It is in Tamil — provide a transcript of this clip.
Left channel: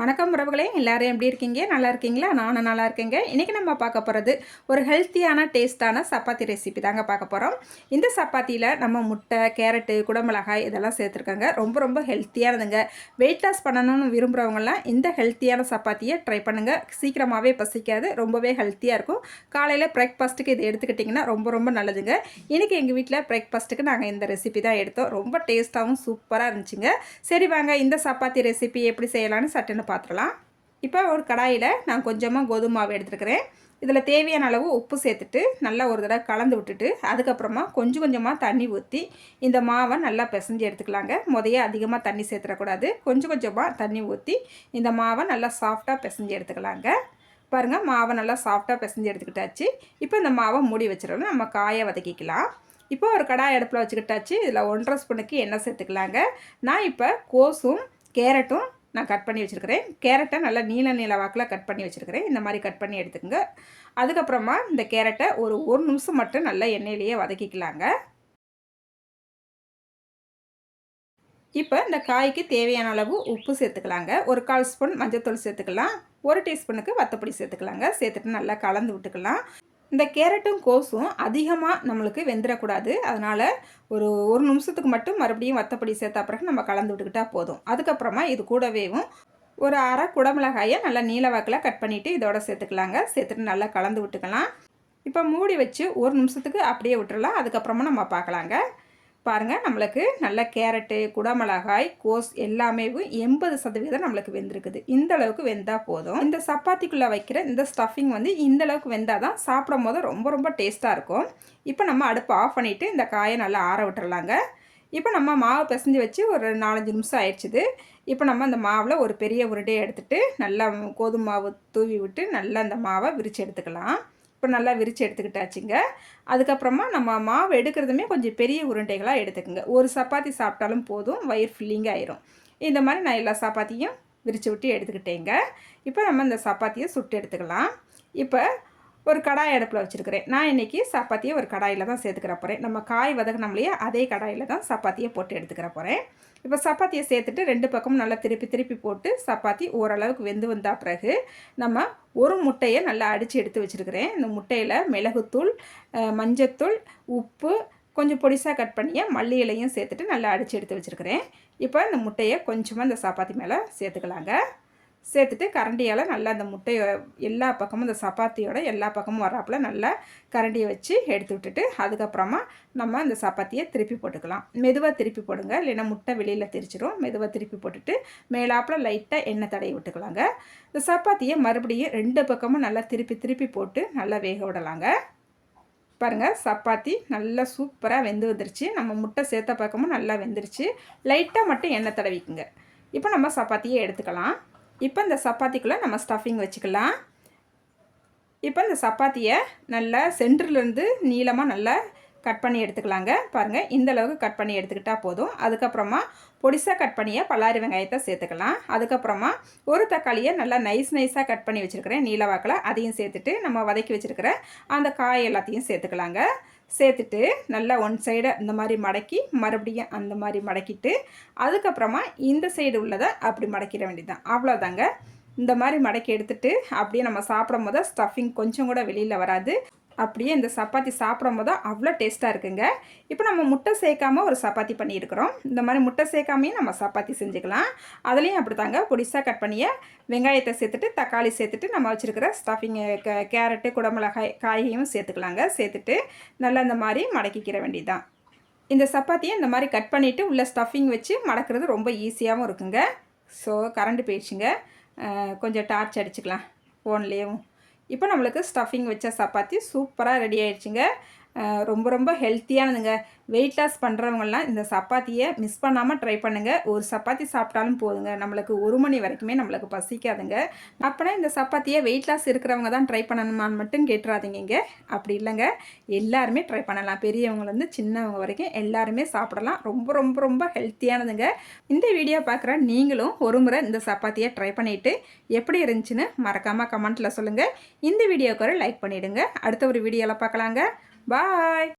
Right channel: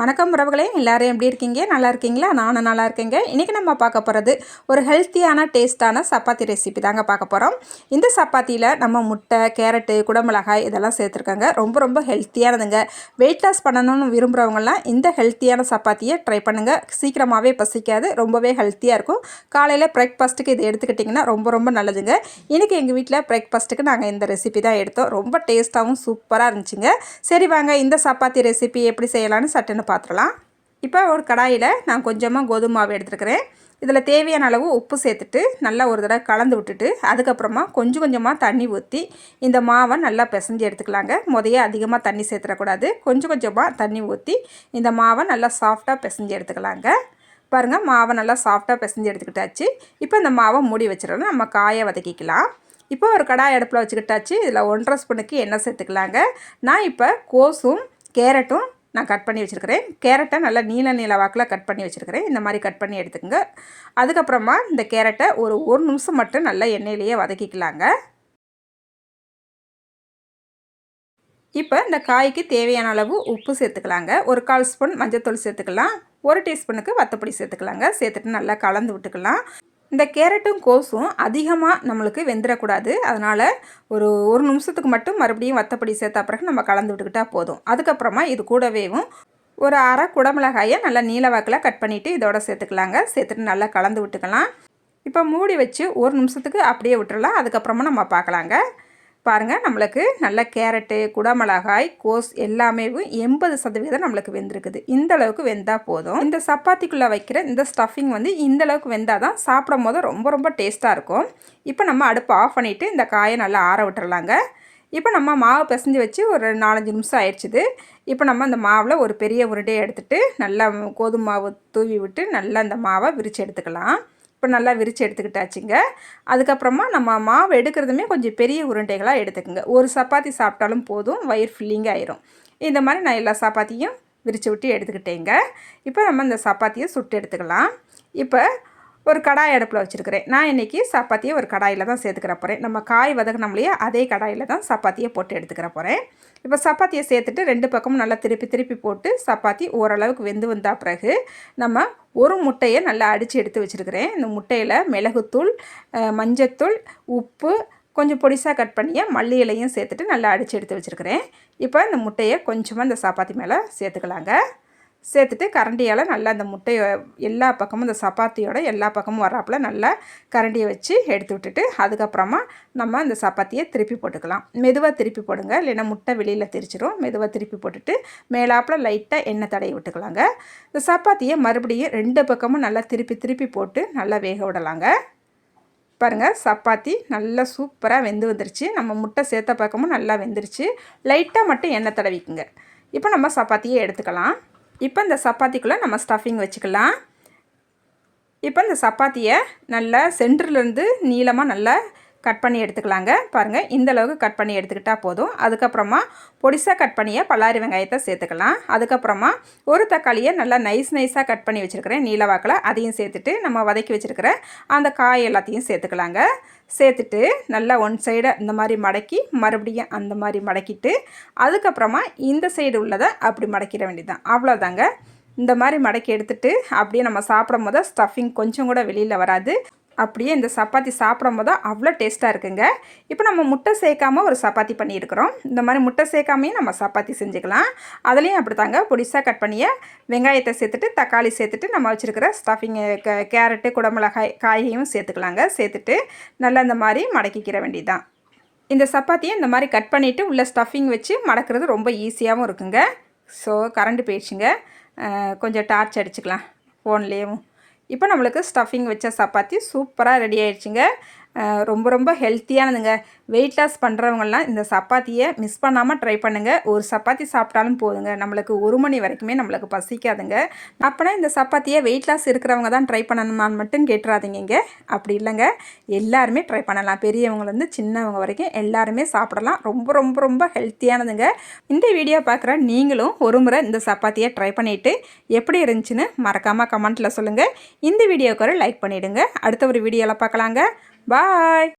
வணக்கம் உறவுகளே, எல்லாரும் எப்படி இருக்கீங்க? நல்லா இருக்கீங்களா? நானும் நல்லா இருக்கேங்க. இன்றைக்கி நம்ம பார்க்க போகிறது ஒரு ஹெல்த்தியான டேஸ்ட்டான சப்பாத்தி ரெசிபி தாங்க பார்க்க போகிறோம். இந்த சப்பாத்தியில் நம்ம முட்டை, கேரட்டு, குடமிளகாய் இதெல்லாம் சேர்த்துருக்காங்க. ரொம்ப ரொம்ப ஹெல்த்தியானதுங்க. வெயிட் லாஸ் பண்ணணும்னு விரும்புகிறவங்கலாம் இந்த ஹெல்த்தியான சப்பாத்தியை ட்ரை பண்ணுங்கள். சீக்கிரமாகவே பசிக்காது, ரொம்பவே ஹெல்த்தியாக இருக்கும். காலையில் பிரேக்ஃபாஸ்ட்டுக்கு இதை எடுத்துக்கிட்டிங்கன்னா ரொம்ப ரொம்ப நல்லதுங்க. இன்றைக்கி எங்கள் வீட்டில் பிரேக்ஃபாஸ்ட்டுக்கு நாங்கள் இந்த ரெசிபி தான் எடுத்தோம். ரொம்ப டேஸ்ட்டாகவும் சூப்பராக இருந்துச்சுங்க. சரி வாங்க, இந்த சப்பாத்தி ரெசிபி எப்படி செய்யலான்னு சட்டுன்னு பார்த்துடலாம். இப்போ ஒரு கடாயில் நான் கொஞ்சமாக கோதுமை மாவு எடுத்துருக்கிறேன். இதில் தேவையான அளவு உப்பு சேர்த்துட்டு நல்லா ஒரு தடவை கலந்து விட்டுட்டு அதுக்கப்புறமா கொஞ்சம் கொஞ்சமாக தண்ணி ஊற்றி இந்த மாவை நல்லா பிசைஞ்சு எடுத்துக்கலாங்க. முதைய அதிகமாக தண்ணி சேர்த்துடக்கூடாது. கொஞ்சம் கொஞ்சமாக தண்ணி ஊற்றி இந்த மாவை நல்லா சாஃப்டாக பிசைஞ்சு எடுத்துக்கலாங்க. பாருங்கள், மாவை நல்லா சாஃப்டாக பிசைஞ்சு எடுத்துக்கிட்டாச்சு. இப்போ இந்த மாவை மூடி வச்சிடலாம். நம்ம காயை வதக்கிக்கலாம். இப்போ ஒரு கடாய் அடுப்பில் வச்சுக்கிட்டாச்சு. இதில் 1.5 ஸ்பூனுக்கு எண்ணெய் சேர்த்துக்கலாங்க. நான் இப்போ கோஸும் கேரட்டும் நான் கட் பண்ணி வச்சுருக்கிறேன். கேரட்டை நல்லா நீல வாக்கில் கட் பண்ணி வச்சுருக்கிறேன். இந்த மாதிரி கட் பண்ணி எடுத்துக்கோங்க. அதுக்கப்புறமா இந்த கேரட்டை ஒரு நிமிஷம் மட்டும் நல்லா எண்ணெயிலேயே வதக்கிக்கலாங்க. இப்போ இந்த காய்க்கு தேவையான அளவு உப்பு சேர்த்துக்கலாங்க. ஒரு 1/4 ஸ்பூன் மஞ்சள்தூள் சேர்த்துக்கலாம். 1 டீஸ்பூனுக்கு வத்தப்பொடி சேர்த்துக்கலாங்க. சேர்த்துட்டு நல்லா கலந்து விட்டுக்கலாம். இந்த கேரட்டும் கோஸும் அதிகமாக நம்மளுக்கு வெந்துடக்கூடாது. அதனால் ஒரு நிமிஷத்துக்கு மட்டும் மறுபடியும் வத்தப்பொடி சேர்த்த பிறகு நம்ம கலந்து விட்டுக்கிட்டால் போதும். அதுக்கப்புறமா இது கூடவேவும் ஒரு அரை குடமிளகாயை நல்லா நீளவாக்கில் கட் பண்ணிவிட்டு இதோட சேர்த்துக்கலாங்க. சேர்த்துட்டு நல்லா கலந்து விட்டுக்கலாம். இப்போ மூடி வச்சு ஒரு நிமிஷத்துக்கு அப்படியே விட்டுறலாம். அதுக்கப்புறமா நம்ம பார்க்கலாங்க. பாருங்கள், நம்மளுக்கு நல்ல கேரட்டு, குடமிளகாய், கோஸ் எல்லாமே 80% நம்மளுக்கு வெந்திருக்குது. இந்த அளவுக்கு வெந்தால் போதும். இந்த சப்பாத்திக்குள்ளே வைக்கிற இந்த ஸ்டஃபிங் இந்த அளவுக்கு வெந்தால் தான் சாப்பிடும் போது ரொம்ப ரொம்ப டேஸ்ட்டாக இருக்கும். இப்போ நம்ம அடுப்பை ஆஃப் பண்ணிவிட்டு இந்த காயை நல்லா ஆற விட்டுறலாங்க. இப்போ நம்ம மாவு பிசைஞ்சு வச்சு ஒரு 4-5 நிமிஷம் ஆயிடுச்சுது. இப்போ நம்ம அந்த மாவில் ஒரு பெரிய உருண்டையை எடுத்துகிட்டு நல்லா கோதுமை மாவு தூவி விட்டு நல்லா இந்த மாவை விரித்து எடுத்துக்கலாம். இப்போ நல்லா விரித்து எடுத்துக்கிட்டாச்சுங்க. அதுக்கப்புறமா நம்ம மாவு எடுக்கிறதுமே கொஞ்சம் பெரிய உருண்டைகளாக எடுத்துக்கோங்க. ஒரு சப்பாத்தி சாப்பிட்டாலும் போதும், வயிறு ஃபில்லிங் ஆயிரும். இந்த மாதிரி நான் எல்லா சப்பாத்தியும் விரித்து விட்டு எடுத்துக்கிட்டேங்க. இப்போ நம்ம இந்த சப்பாத்தியை சுட்டு எடுத்துக்கலாம். இப்போ ஒரு கடாய் அடுப்பில் வச்சுருக்கிறேன். நான் இன்றைக்கி சப்பாத்தியை ஒரு கடாயில் தான் சேர்த்துக்கிற போகிறேன். நம்ம காய் வதக்கினோம்லையே அதே கடாயில் தான் சப்பாத்தியை போட்டு எடுத்துக்கிற போகிறேன். இப்போ சப்பாத்தியை சேர்த்துட்டு 2 பக்கமும் நல்லா திருப்பி போட்டு சப்பாத்தி ஓரளவுக்கு வெந்து வந்தால் பிறகு நம்ம ஒரு முட்டையை நல்லா அடித்து எடுத்து வச்சுருக்கிறேன். இந்த முட்டையில் மிளகுத்தூள், மஞ்சத்தூள், உப்பு, கொஞ்சம் பொடிசாக கட் பண்ணிய மல்லி இலையும் சேர்த்துட்டு நல்லா அடித்து எடுத்து வச்சுருக்கிறேன். இப்போ இந்த முட்டையை கொஞ்சமாக இந்த சப்பாத்தி மேலே சேர்த்துக்கலாங்க. சேர்த்துட்டு கரண்டியால் நல்லா அந்த முட்டையை எல்லா பக்கமும் இந்த சப்பாத்தியோட எல்லா பக்கமும் வராப்பில் நல்லா கரண்டியை வச்சு எடுத்து விட்டுட்டு அதுக்கப்புறமா நம்ம இந்த சப்பாத்தியை திருப்பி போட்டுக்கலாம். மெதுவாக திருப்பி போடுங்க, இல்லைன்னா முட்டை வெளியில் தெரிச்சிடும். மெதுவாக திருப்பி போட்டுட்டு மேலாப்பில் லைட்டாக எண்ணெய் தடவி விட்டுக்கலாங்க. இந்த சப்பாத்தியை மறுபடியும் 2 பக்கமும் நல்லா திருப்பி போட்டு நல்லா வேக விடலாங்க. பாருங்கள், சப்பாத்தி நல்லா சூப்பராக வெந்து வந்துருச்சு. நம்ம முட்டை சேர்த்த பக்கமும் நல்லா வெந்துருச்சு. லைட்டாக மட்டும் எண்ணெய் தடவிக்குங்க. இப்போ நம்ம சப்பாத்தியை எடுத்துக்கலாம். இப்போ இந்த சப்பாத்திக்குள்ளே நம்ம ஸ்டஃபிங் வச்சுக்கலாம். இப்போ இந்த சப்பாத்தியை நல்லா சென்டர்லேருந்து நீளமாக நல்லா கட் பண்ணி எடுத்துக்கலாங்க. பாருங்கள், இந்த அளவுக்கு கட் பண்ணி எடுத்துக்கிட்டால் போதும். அதுக்கப்புறமா பொடிசாக கட் பண்ணிய பல்லாரி வெங்காயத்தை சேர்த்துக்கலாம். அதுக்கப்புறமா ஒரு தக்காளியை நல்லா நைஸாக கட் பண்ணி வச்சுருக்கிறேன் நீளவாக்கில், அதையும் சேர்த்துட்டு நம்ம வதக்கி வச்சுருக்கிற அந்த காய் எல்லாத்தையும் சேர்த்துக்கலாங்க. சேர்த்துட்டு நல்லா ஒன் சைடை இந்த மாதிரி மடக்கி மறுபடியும் அந்த மாதிரி மடக்கிட்டு அதுக்கப்புறமா இந்த சைடு உள்ளதை அப்படி மடக்கிட வேண்டியதுதான். அவ்வளோதாங்க. இந்த மாதிரி மடக்கி எடுத்துகிட்டு அப்படியே நம்ம சாப்பிடும் போது ஸ்டஃபிங் கொஞ்சம் கூட வெளியில் வராது. அப்படியே இந்த சப்பாத்தி சாப்பிடும் போது அவ்வளோ டேஸ்ட்டாக இருக்குங்க. இப்போ நம்ம முட்டை சேர்க்காமல் ஒரு சப்பாத்தி பண்ணியிருக்கிறோம். இந்த மாதிரி முட்டை சேர்க்காமையும் நம்ம சப்பாத்தி செஞ்சுக்கலாம். அதுலேயும் அப்படி தாங்க பொடிசாக கட் பண்ணிய வெங்காயத்தை சேர்த்துட்டு தக்காளி சேர்த்துட்டு நம்ம வச்சுருக்கிற ஸ்டஃபிங்கு கேரட்டு, குடமிளகாய் காயையும் சேர்த்துக்கலாங்க. சேர்த்துட்டு நல்லா இந்த மாதிரி மடக்கிக்கிற வேண்டியதுதான். இந்த சப்பாத்தியை இந்த மாதிரி கட் பண்ணிவிட்டு உள்ள ஸ்டஃபிங் வச்சு மடக்கிறது ரொம்ப ஈஸியாகவும் இருக்குங்க. ஸோ கரண்ட் போயிடுச்சுங்க, கொஞ்சம் டார்ச் அடிச்சுக்கலாம் ஃபோன்லேயும். இப்போ நம்மளுக்கு ஸ்டஃபிங் வச்ச சப்பாத்தி சூப்பராக ரெடி ஆகிடுச்சுங்க. ரொம்ப ரொம்ப ஹெல்த்தியானதுங்க. வெயிட் லாஸ் பண்ணுறவங்கலாம் இந்த சப்பாத்தியை மிஸ் பண்ணாமல் ட்ரை பண்ணுங்கள். ஒரு சப்பாத்தி சாப்பிட்டாலும் போதுங்க, நம்மளுக்கு 1 மணி வரைக்குமே நம்மளுக்கு பசிக்காதுங்க. அப்போனா இந்த சப்பாத்தியை வெயிட் லாஸ் இருக்கிறவங்க தான் ட்ரை பண்ணணுமான்னு மட்டும் கேட்டுறாதீங்க. அப்படி இல்லைங்க, எல்லாருமே ட்ரை பண்ணலாம். பெரியவங்கலேருந்து சின்னவங்க வரைக்கும் எல்லாருமே சாப்பிடலாம். ரொம்ப ரொம்ப ரொம்ப ஹெல்த்தியானதுங்க. இந்த வீடியோ பார்க்குற நீங்களும் ஒரு முறை இந்த சப்பாத்தியை ட்ரை பண்ணிவிட்டு எப்படி இருந்துச்சுன்னு மறக்காமல் கமெண்ட்டில் சொல்லுங்கள். இந்த வீடியோக்கு ஒரு லைக் பண்ணிவிடுங்க. அடுத்த ஒரு வீடியோவில் பார்க்கலாங்க. பாய்.